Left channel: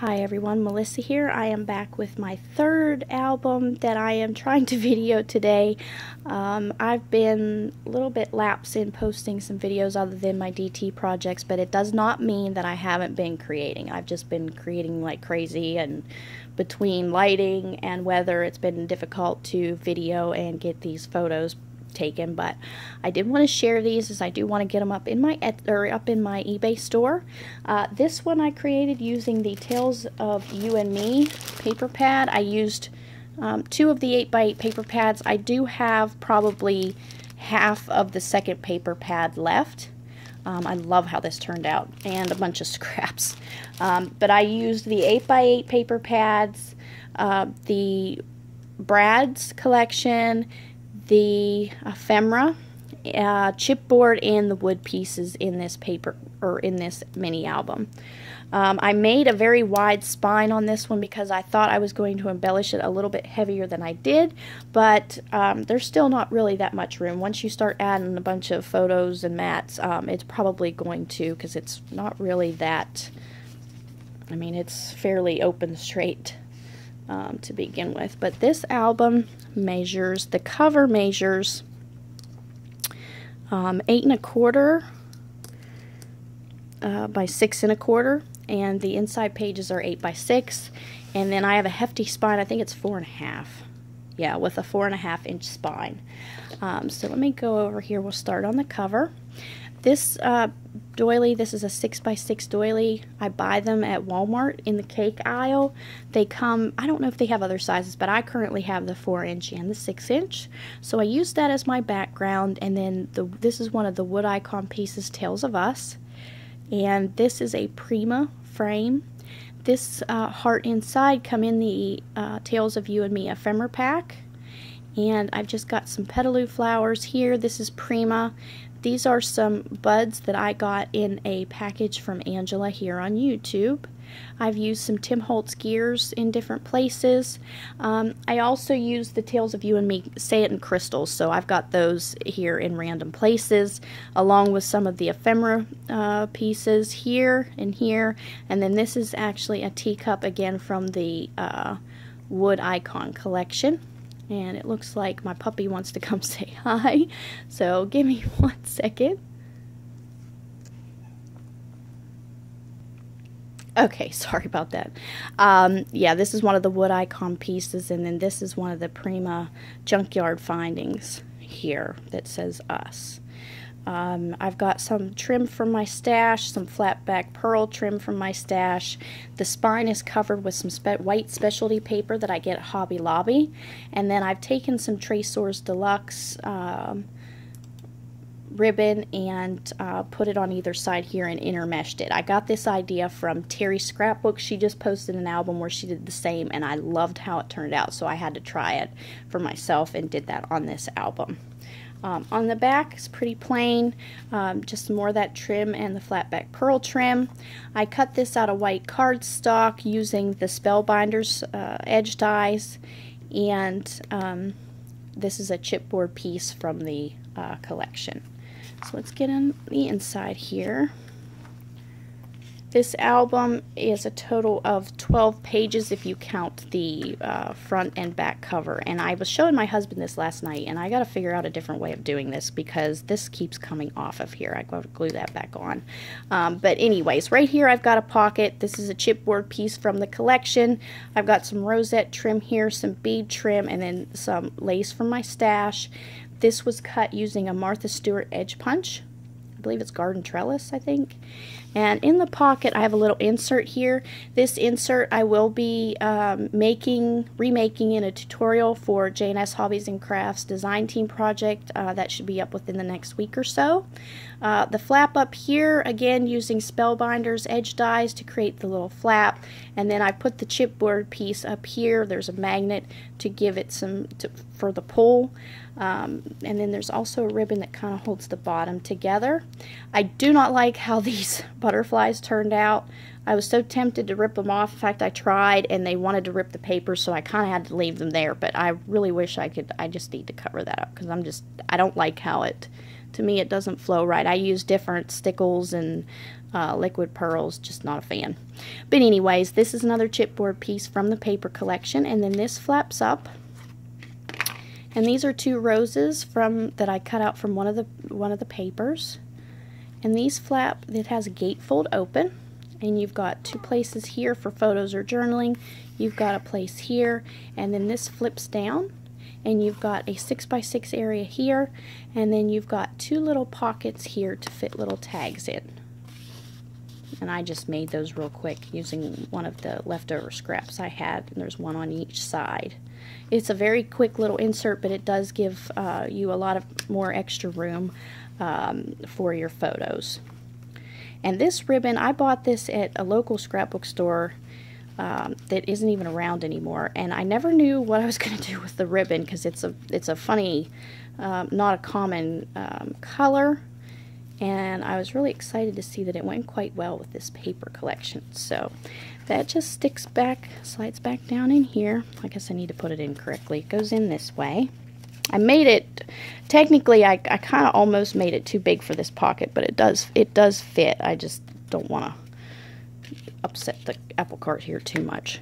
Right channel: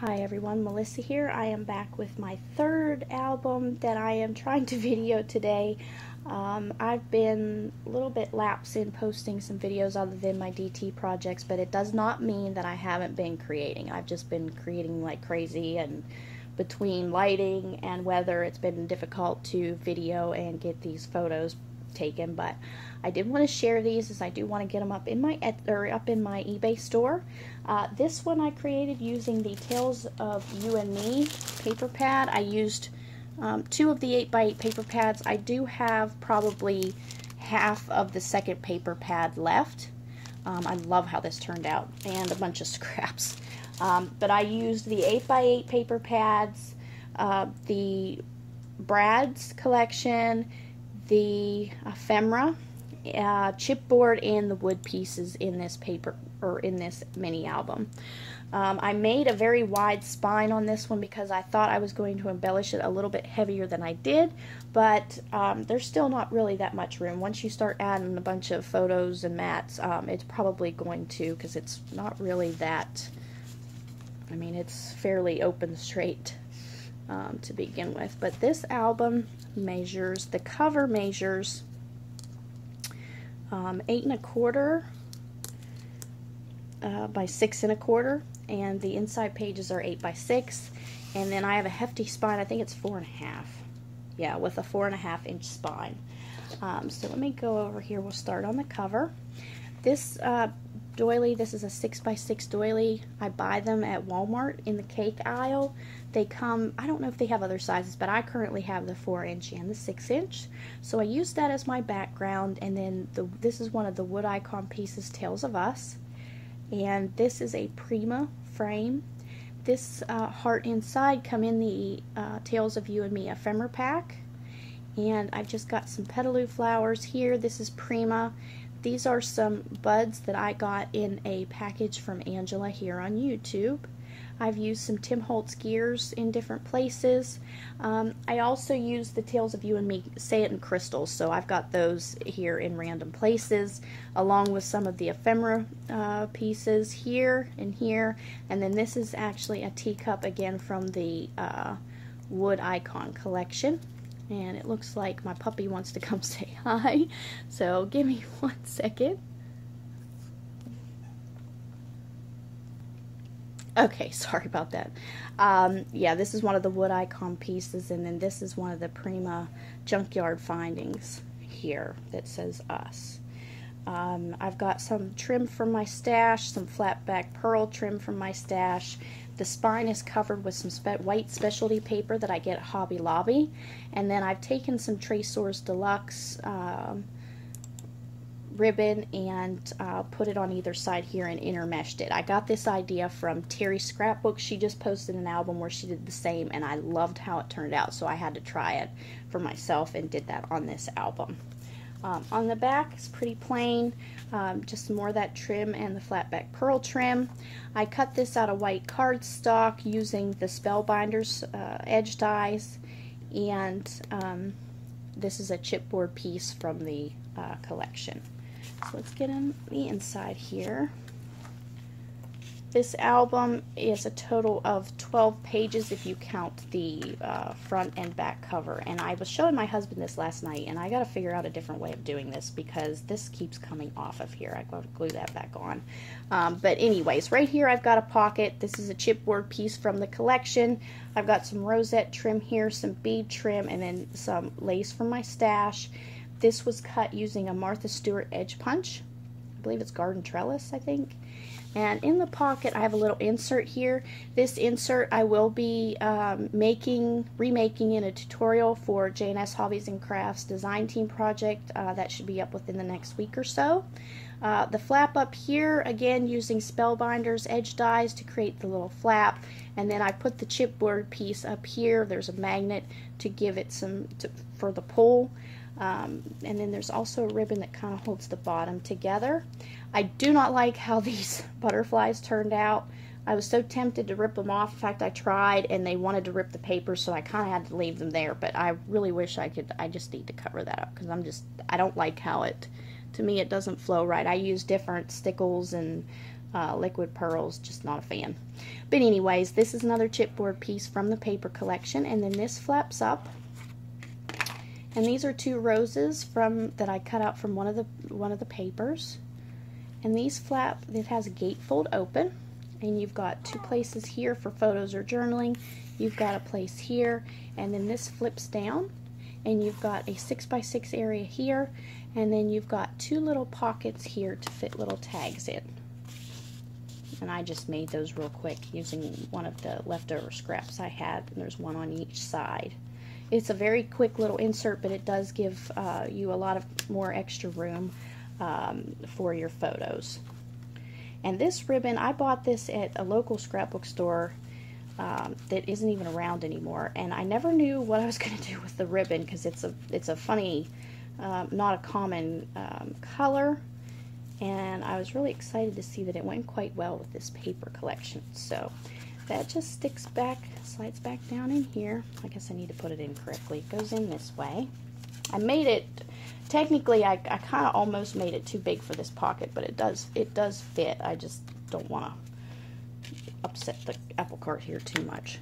Hi everyone, Melissa here. I am back with my third album that I am trying to video today. I've been a little bit lapsed in posting some videos other than my DT projects, but it does not mean that I haven't been creating. I've just been creating like crazy, and between lighting and weather, it's been difficult to video and get these photos taken, but I did want to share these as I do want to get them up in my eBay store. This one I created using the Tales of You and Me paper pad. I used 2 of the 8x8 paper pads. I do have probably half of the second paper pad left. I love how this turned out, and a bunch of scraps. But I used the 8x8 paper pads, the Brad's collection, the ephemera, chipboard, and the wood pieces in this paper, or in this mini album. I made a very wide spine on this one because I thought I was going to embellish it a little bit heavier than I did, but there's still not really that much room. Once you start adding a bunch of photos and mats, it's probably going to, because it's not really that, I mean, it's fairly open straight to begin with. But this album measures, the cover measures 8 1/4 by 6 1/4, and the inside pages are 8 by 6, and then I have a hefty spine. I think it's 4 1/2. Yeah, with a 4 1/2 inch spine. So let me go over here. We'll start on the cover. This doily, this is a 6 by 6 doily. I buy them at Walmart in the cake aisle. They come, I don't know if they have other sizes, but I currently have the 4-inch and the 6-inch. So I use that as my background, and then this is one of the wood icon pieces, Tales of Us. And this is a Prima frame. This heart inside come in the Tales of You and Me ephemera pack. And I've just got some petaloo flowers here. This is Prima. These are some buds that I got in a package from Angela here on YouTube. I've used some Tim Holtz gears in different places. I also use the Tales of You and Me Say It in crystals, so I've got those here in random places, along with some of the ephemera pieces here and here. And then this is actually a teacup again from the wood icon collection. And it looks like my puppy wants to come say hi, so give me 1 second. Okay, sorry about that. Yeah, this is one of the wood icon pieces, and then this is one of the Prima junkyard findings here that says Us. I've got some trim from my stash, some flat back pearl trim from my stash. The spine is covered with some white specialty paper that I get at Hobby Lobby. And then I've taken some Tresors Deluxe ribbon and put it on either side here and intermeshed it. I got this idea from Terry's Scrapbook. She just posted an album where she did the same, and I loved how it turned out, so I had to try it for myself and did that on this album. On the back, it's pretty plain, just more of that trim and the flat back pearl trim. I cut this out of white cardstock using the Spellbinders edge dies, and this is a chipboard piece from the collection. So let's get on the inside here. This album is a total of 12 pages if you count the front and back cover. And I was showing my husband this last night, and I got to figure out a different way of doing this because this keeps coming off of here. I got to glue that back on. But anyways, right here I've got a pocket. This is a chipboard piece from the collection. I've got some rosette trim here, some bead trim, and then some lace from my stash. This was cut using a Martha Stewart edge punch. I believe it's garden trellis, I think. And in the pocket, I have a little insert here. This insert I will be remaking in a tutorial for J&S Hobbies and Crafts design team project. That should be up within the next week or so. The flap up here, again using Spellbinders edge dies to create the little flap. And then I put the chipboard piece up here. There's a magnet to give it some, for the pull. And then there's also a ribbon that kind of holds the bottom together. I do not like how these butterflies turned out. I was so tempted to rip them off. In fact, I tried, and they wanted to rip the paper, so I kind of had to leave them there. But I really wish I could. I just need to cover that up because I don't like how it, to me, it doesn't flow right. I use different stickles and liquid pearls, just not a fan. But anyways, this is another chipboard piece from the paper collection, and then this flaps up. And these are 2 roses that I cut out from one of the papers. And these flap, it has a gatefold open, and you've got 2 places here for photos or journaling. You've got a place here, and then this flips down, and you've got a 6x6 area here, and then you've got 2 little pockets here to fit little tags in. And I just made those real quick using one of the leftover scraps I had, and there's one on each side. It's a very quick little insert, but it does give you a lot of more extra room for your photos. And this ribbon, I bought this at a local scrapbook store that isn't even around anymore, and I never knew what I was going to do with the ribbon, because it's a funny, not a common color, and I was really excited to see that it went quite well with this paper collection. So that just sticks back, slides back down in here. I guess I need to put it in correctly. It goes in this way. I made it, technically I kind of almost made it too big for this pocket, but it does fit. I just don't want to upset the apple cart here too much.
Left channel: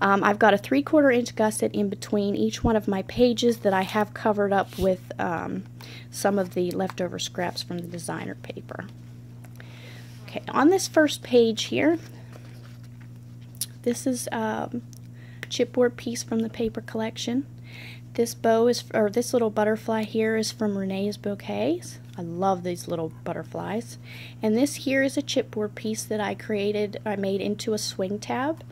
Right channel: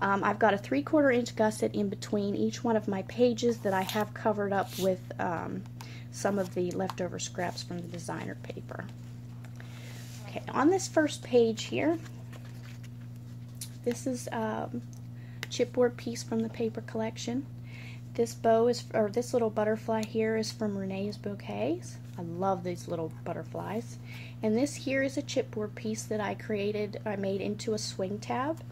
I've got a 3/4 inch gusset in between each one of my pages that I have covered up with some of the leftover scraps from the designer paper. Okay, on this first page here, this is a chipboard piece from the paper collection. This bow is, or this little butterfly here is from Renee's Bouquets. I love these little butterflies. And this here is a chipboard piece that I made into a swing tab.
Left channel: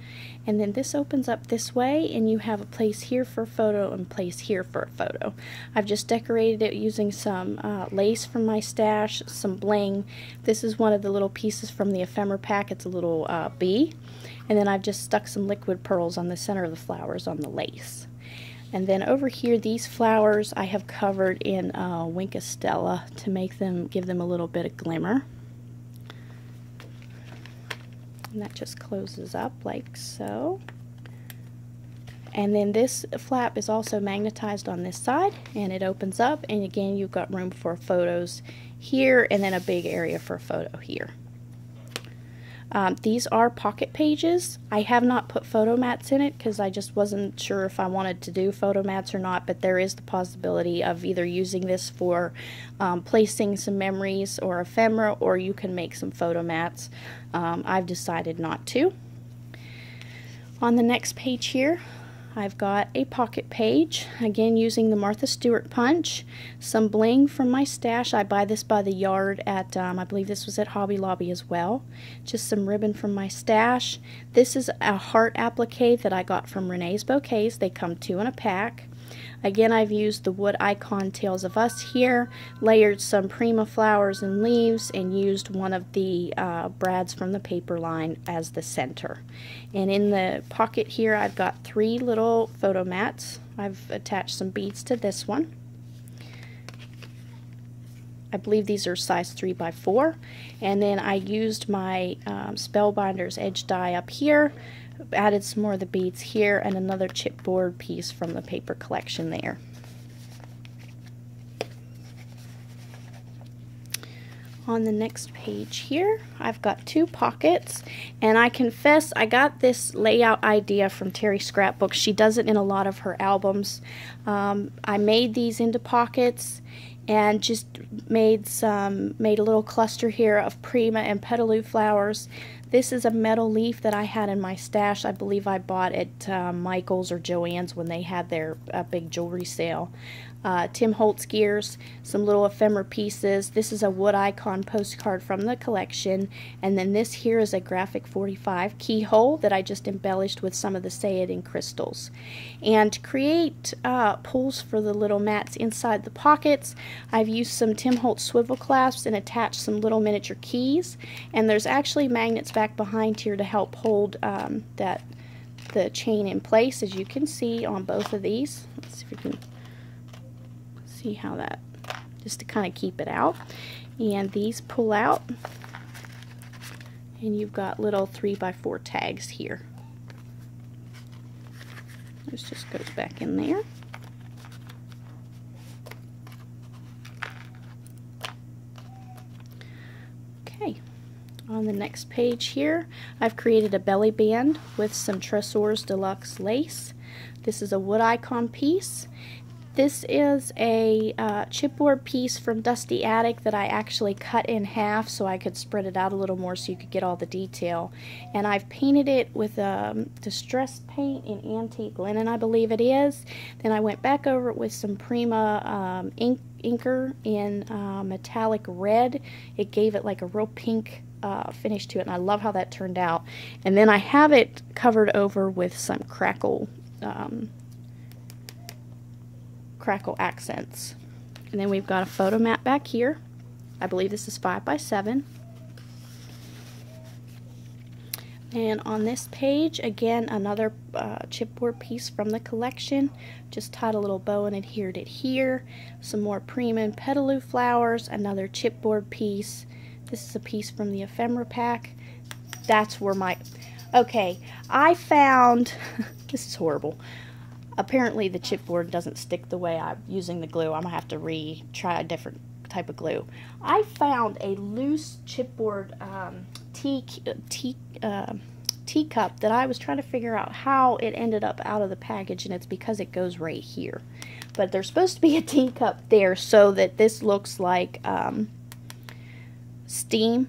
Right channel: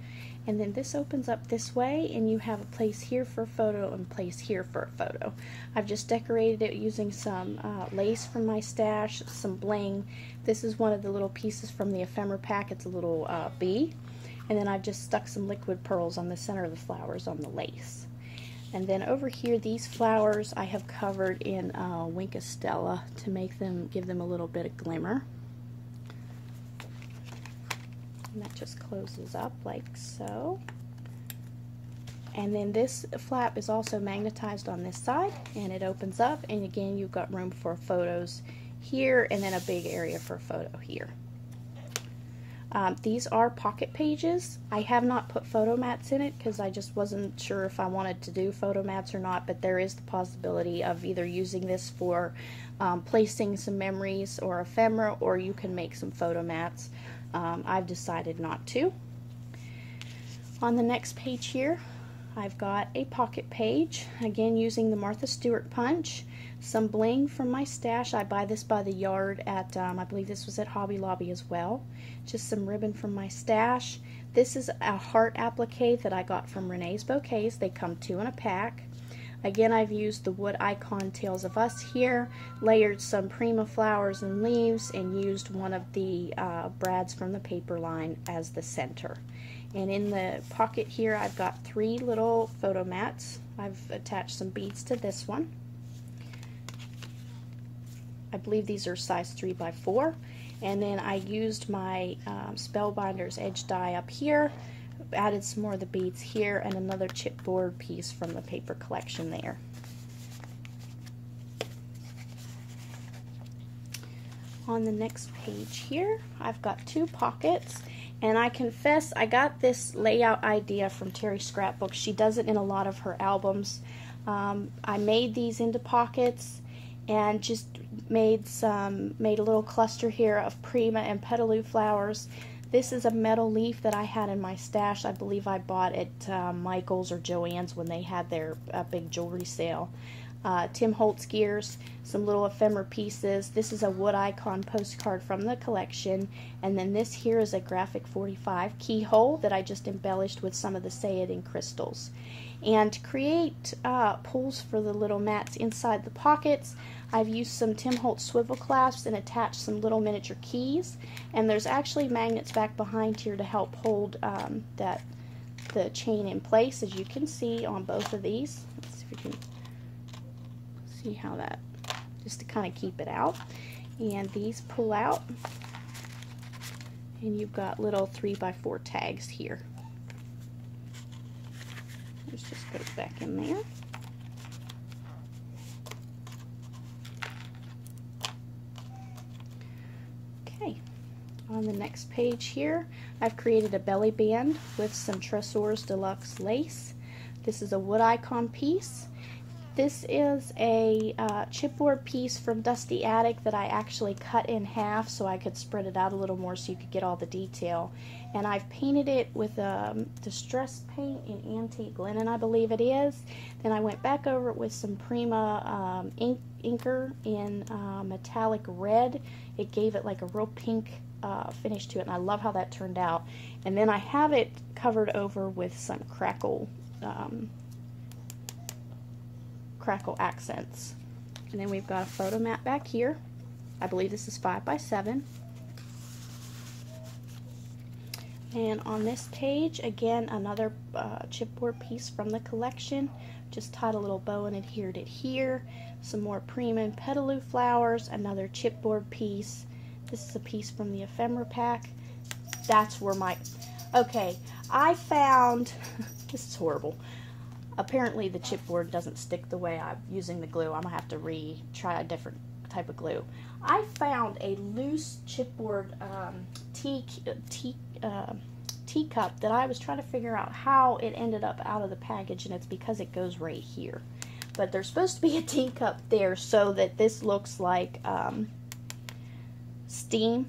And then this opens up this way, and you have a place here for a photo and a place here for a photo. I've just decorated it using some lace from my stash, some bling. This is one of the little pieces from the ephemera pack. It's a little bee. And then I've just stuck some liquid pearls on the center of the flowers on the lace. And then over here, these flowers I have covered in Winka Stella to give them a little bit of glimmer. And that just closes up like so. And then this flap is also magnetized on this side, and it opens up, and again you've got room for photos here, and then a big area for a photo here. These are pocket pages. I have not put photo mats in it because I just wasn't sure if I wanted to do photo mats or not, but there is the possibility of either using this for placing some memories or ephemera, or you can make some photo mats. I've decided not to. On the next page here, I've got a pocket page, again using the Martha Stewart punch, some bling from my stash. I buy this by the yard at, I believe this was at Hobby Lobby as well. Just some ribbon from my stash. This is a heart applique that I got from Renee's Bouquets. They come 2 in a pack. Again, I've used the wood icon Tales of Us here, layered some Prima flowers and leaves, and used one of the brads from the paper line as the center. And in the pocket here, I've got 3 little photo mats. I've attached some beads to this one. I believe these are size 3x4. And then I used my Spellbinders edge die up here, added some more of the beads here, and another chipboard piece from the paper collection there. On the next page here, I've got 2 pockets, and I confess I got this layout idea from Terry Scrapbooks. She does it in a lot of her albums. I made these into pockets and just made a little cluster here of Prima and Petaloo flowers. This is a metal leaf that I had in my stash. I believe I bought at Michael's or Joann's when they had their big jewelry sale. Tim Holtz gears, some little ephemera pieces. This is a wood icon postcard from the collection. And then this here is a graphic 45 keyhole that I just embellished with some of the Say It in crystals. And to create pulls for the little mats inside the pockets, I've used some Tim Holtz swivel clasps and attached some little miniature keys. And there's actually magnets back behind here to help hold the chain in place, as you can see on both of these. Let's see if we can see how that, just to kind of keep it out. And these pull out, and you've got little 3x4 tags here. This just goes back in there. Okay, On the next page here, I've created a belly band with some Tresors Deluxe lace. This is a wood icon piece. This is a chipboard piece from Dusty Attic that I actually cut in half so I could spread it out a little more so you could get all the detail. And I've painted it with distress paint in antique linen, I believe it is. Then I went back over it with some Prima inker in metallic red. It gave it like a real pink finish to it, and I love how that turned out. And then I have it covered over with some crackle accents. And then we've got a photo mat back here. I believe this is 5 by 7. And on this page, again, another chipboard piece from the collection. Just tied a little bow and adhered it here. Some more Prima and Petaloo flowers, another chipboard piece. This is a piece from the ephemera pack. That's where my... Okay, I found... This is horrible. Apparently the chipboard doesn't stick the way I'm using the glue. I'm going to have to try a different type of glue. I found a loose chipboard teacup that I was trying to figure out how it ended up out of the package, and it's because it goes right here. But there's supposed to be a teacup there so that this looks like steam.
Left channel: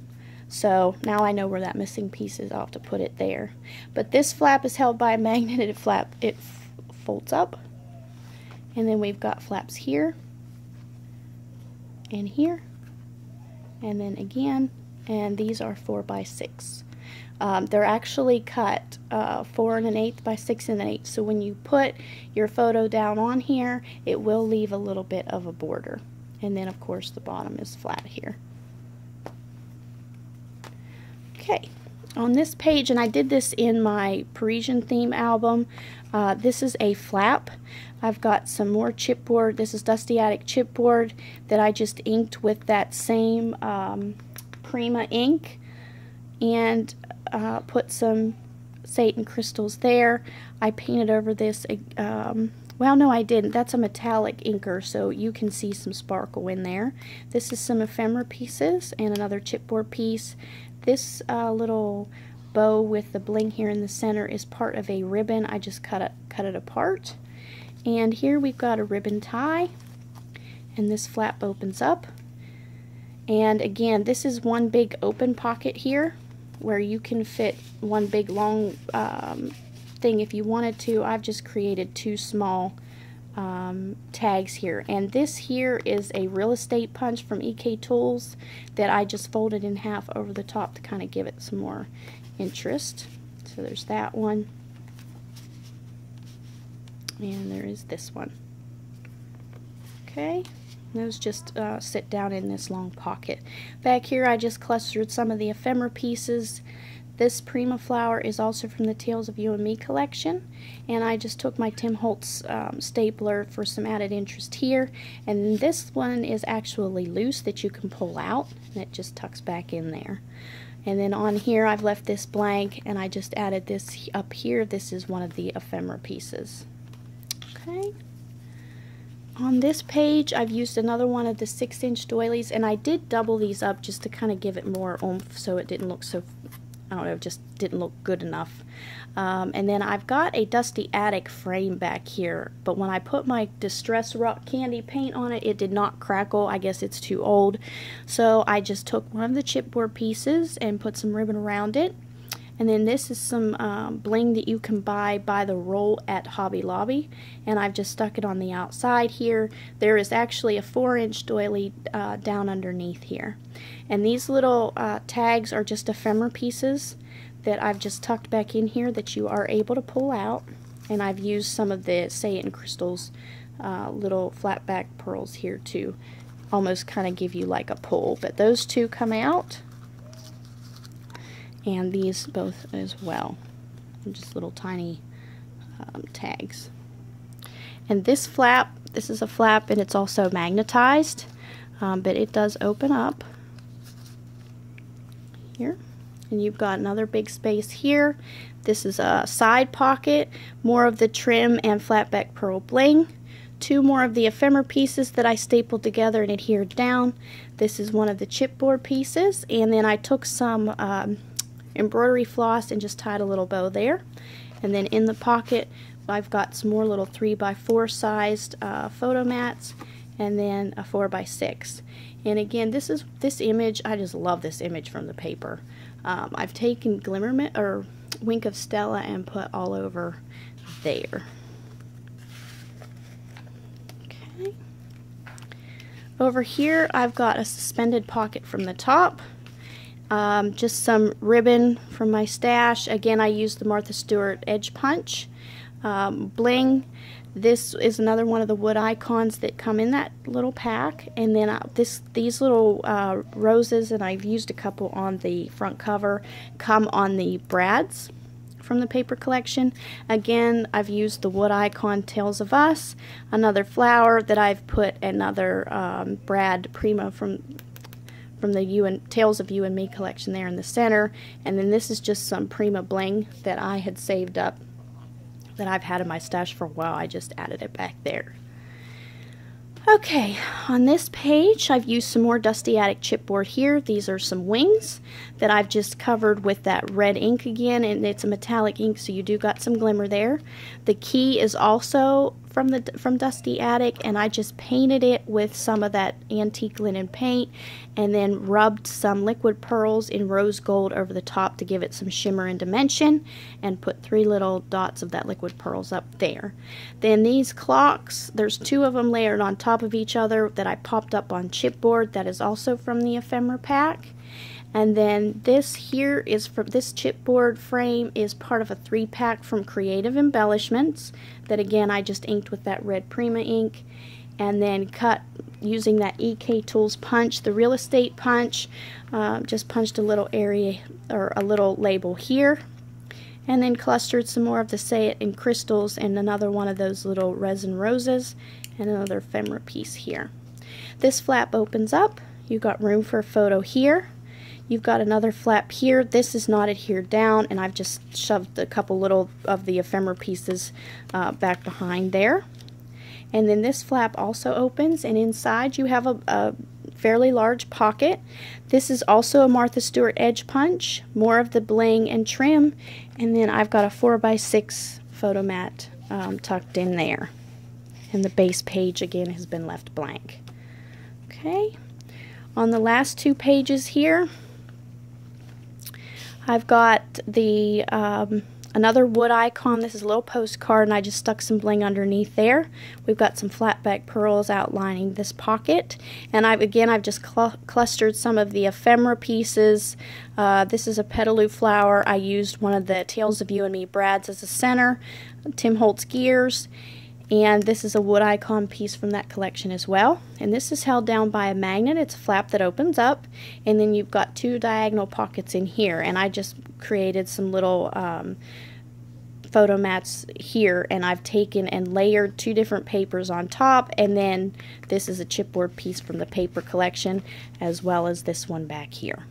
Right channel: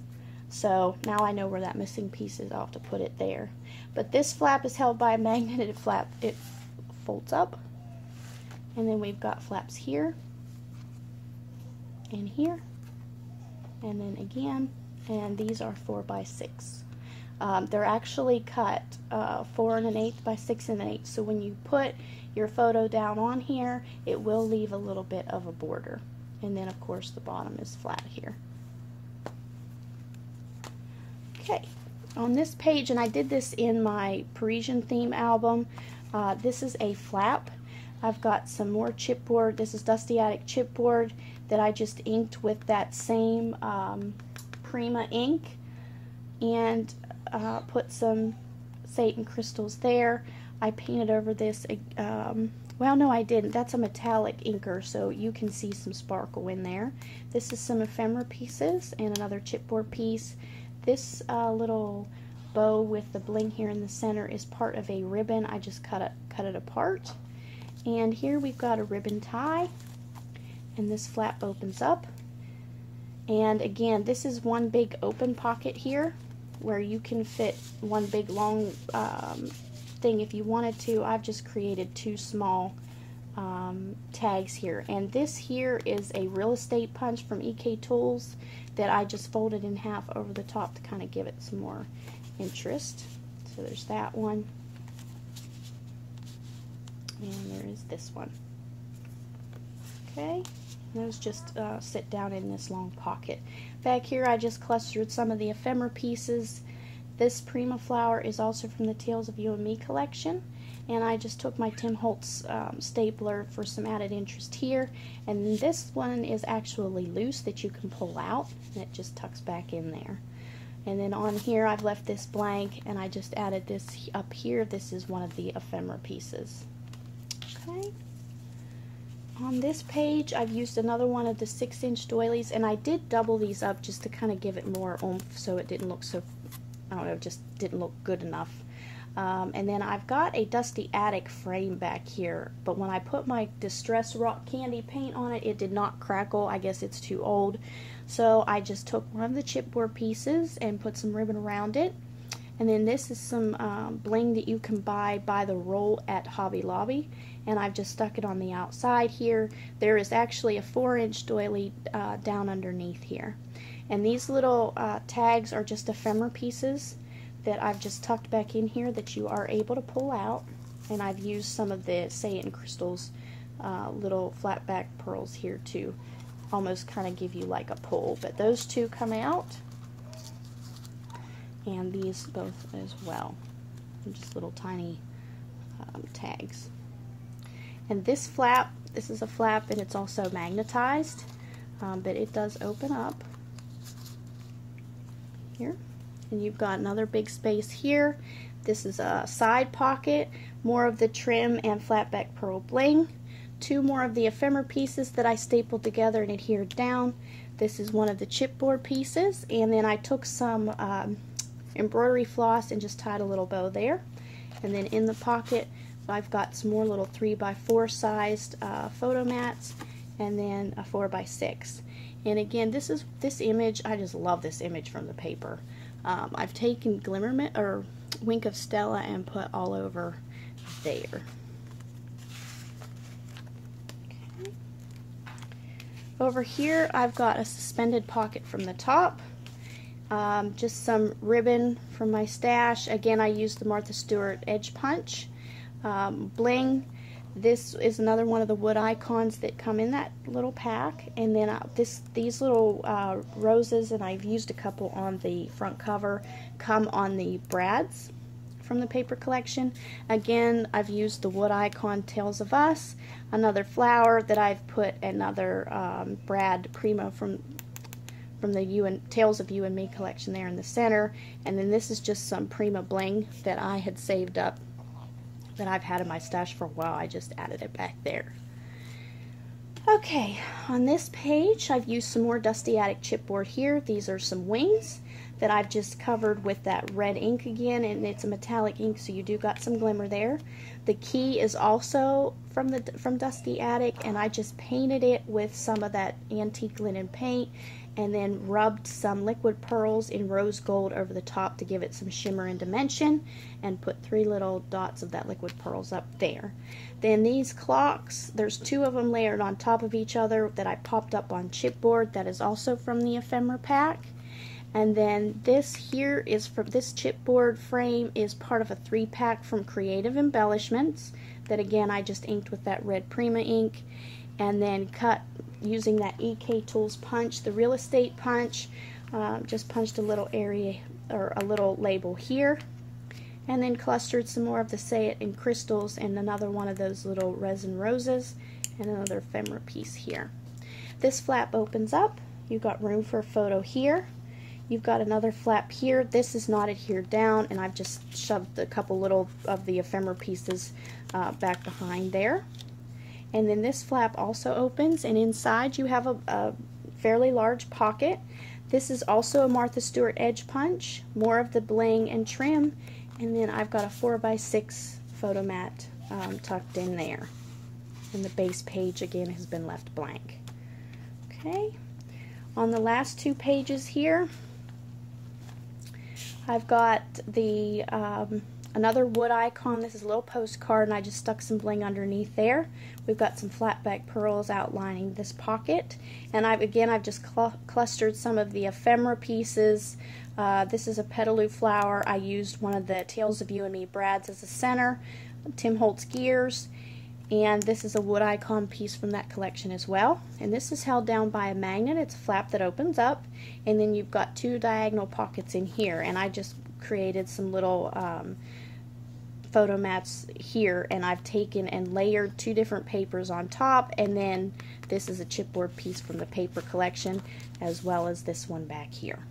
So now I know where that missing piece is. I'll have to put it there. But this flap is held by a magneted flap. It folds up, and then we've got flaps here and here, and then again, and these are 4 by 6. They're actually cut 4 1/8 by 6 1/8, so when you put your photo down on here, it will leave a little bit of a border. And then of course the bottom is flat here. Okay, on this page, and I did this in my Parisian theme album, this is a flap. I've got some more chipboard. This is Dusty Attic chipboard that I just inked with that same Prima ink, and put some Satan crystals there. I painted over this, well no I didn't, that's a metallic inker, so you can see some sparkle in there. This is some ephemera pieces and another chipboard piece. This little bow with the bling here in the center is part of a ribbon. I just cut it apart. And here we've got a ribbon tie, and this flap opens up. And again, this is one big open pocket here where you can fit one big long thing if you wanted to. I've just created 2 small tags here, and this here is a real estate punch from EK Tools that I just folded in half over the top to kind of give it some more interest. So there's that one, and there is this one. Okay, those just sit down in this long pocket. Back here I just clustered some of the ephemera pieces. This Prima flower is also from the Tales of You and Me collection, and I just took my Tim Holtz stapler for some added interest here. And this one is actually loose that you can pull out, and it just tucks back in there. And then on here I've left this blank, and I just added this up here. This is one of the ephemera pieces. Okay. On this page I've used another one of the 6-inch doilies, and I did double these up just to kind of give it more oomph so it didn't look so, I don't know, just didn't look good enough. And then I've got a Dusty Attic frame back here, but when I put my Distress Rock Candy paint on it, it did not crackle. I guess it's too old. So I just took one of the chipboard pieces and put some ribbon around it. And then this is some bling that you can buy by the roll at Hobby Lobby, and I've just stuck it on the outside here. There is actually a 4-inch doily down underneath here. And these little tags are just ephemera pieces that I've just tucked back in here that you are able to pull out. And I've used some of the Satan crystals, little flat back pearls here to almost kind of give you like a pull. But those 2 come out, and these both as well. Just little tiny tags. And this flap, this is a flap, and it's also magnetized, but it does open up here. And you've got another big space here. This is a side pocket, more of the trim and flat back pearl bling. two more of the ephemera pieces that I stapled together and adhered down. This is one of the chipboard pieces, and then I took some embroidery floss and just tied a little bow there. And then in the pocket I've got some more little 3x4 sized photo mats, and then a 4x6. And again, this image, I just love this image from the paper. I've taken Glimmerment or Wink of Stella and put all over there. Okay. Over here I've got a suspended pocket from the top. Just some ribbon from my stash. Again, I used the Martha Stewart Edge Punch. Bling. This is another one of the wood icons that come in that little pack. And then these little roses, and I've used a couple on the front cover, come on the brads from the paper collection. Again, I've used the wood icon Tales of Us, another flower that I've put another brad prima from the Tales of You and Me collection there in the center. And then this is just some prima bling that I had saved up that I've had in my stash for a while. I just added it back there. Okay, on this page I've used some more Dusty Attic chipboard here. These are some wings that I've just covered with that red ink again, and it's a metallic ink, so you do got some glimmer there. The key is also from Dusty Attic, and I just painted it with some of that antique linen paint and then rubbed some liquid pearls in rose gold over the top to give it some shimmer and dimension, and put 3 little dots of that liquid pearls up there. Then these clocks, there's 2 of them layered on top of each other that I popped up on chipboard. That is also from the ephemera pack. And then this here is from this chipboard frame is part of a 3-pack from Creative Embellishments that again I just inked with that red Prima ink, and then cut using that EK Tools punch, the real estate punch. Just punched a little area or a little label here, and then clustered some more of the Say It in crystals and another one of those little resin roses and another ephemera piece here. This flap opens up. You've got room for a photo here. You've got another flap here. This is not adhered down, and I've just shoved a couple little of the ephemera pieces back behind there. And then this flap also opens, and inside you have a fairly large pocket. This is also a Martha Stewart Edge Punch, more of the bling and trim, and then I've got a 4x6 photo mat tucked in there. And the base page again has been left blank. Okay, on the last 2 pages here, I've got the another wood icon. This is a little postcard, and I just stuck some bling underneath there. We've got some flat back pearls outlining this pocket, and I've just clustered some of the ephemera pieces. This is a petaloo flower. I used one of the Tales of You and Me brads as a center, Tim Holtz gears, and this is a wood icon piece from that collection as well. And this is held down by a magnet. It's a flap that opens up, and then you've got 2 diagonal pockets in here, and I just created some little photo mats here, and I've taken and layered 2 different papers on top, and then this is a chipboard piece from the paper collection as well as this one back here.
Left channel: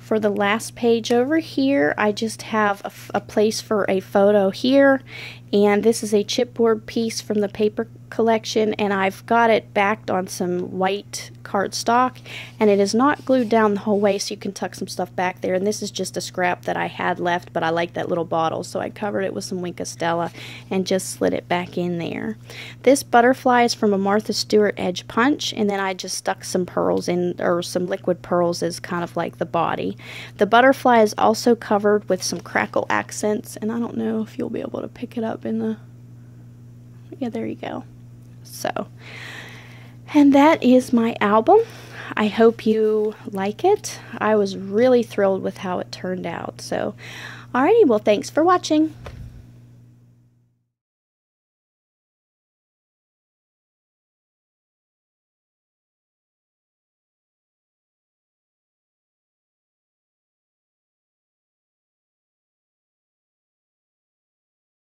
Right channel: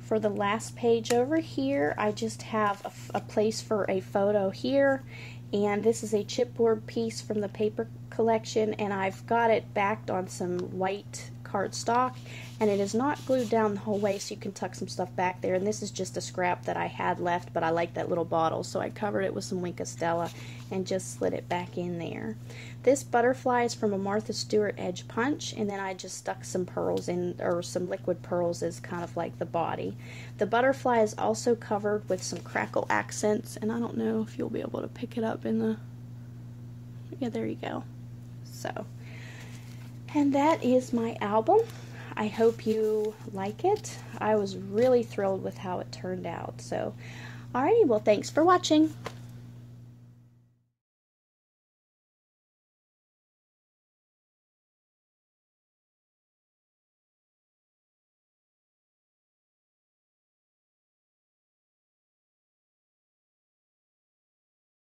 For the last page over here, I just have a place for a photo here, and this is a chipboard piece from the paper collection, and I've got it backed on some white cardstock, and it is not glued down the whole way, so you can tuck some stuff back there. And this is just a scrap that I had left, but I like that little bottle, so I covered it with some Wink of Stella and just slid it back in there. This butterfly is from a Martha Stewart Edge Punch, and then I just stuck some pearls in, or some liquid pearls as kind of like the body. The butterfly is also covered with some crackle accents, and I don't know if you'll be able to pick it up in the, yeah, there you go. So, and that is my album. I hope you like it. I was really thrilled with how it turned out. So, alrighty, well, thanks for watching.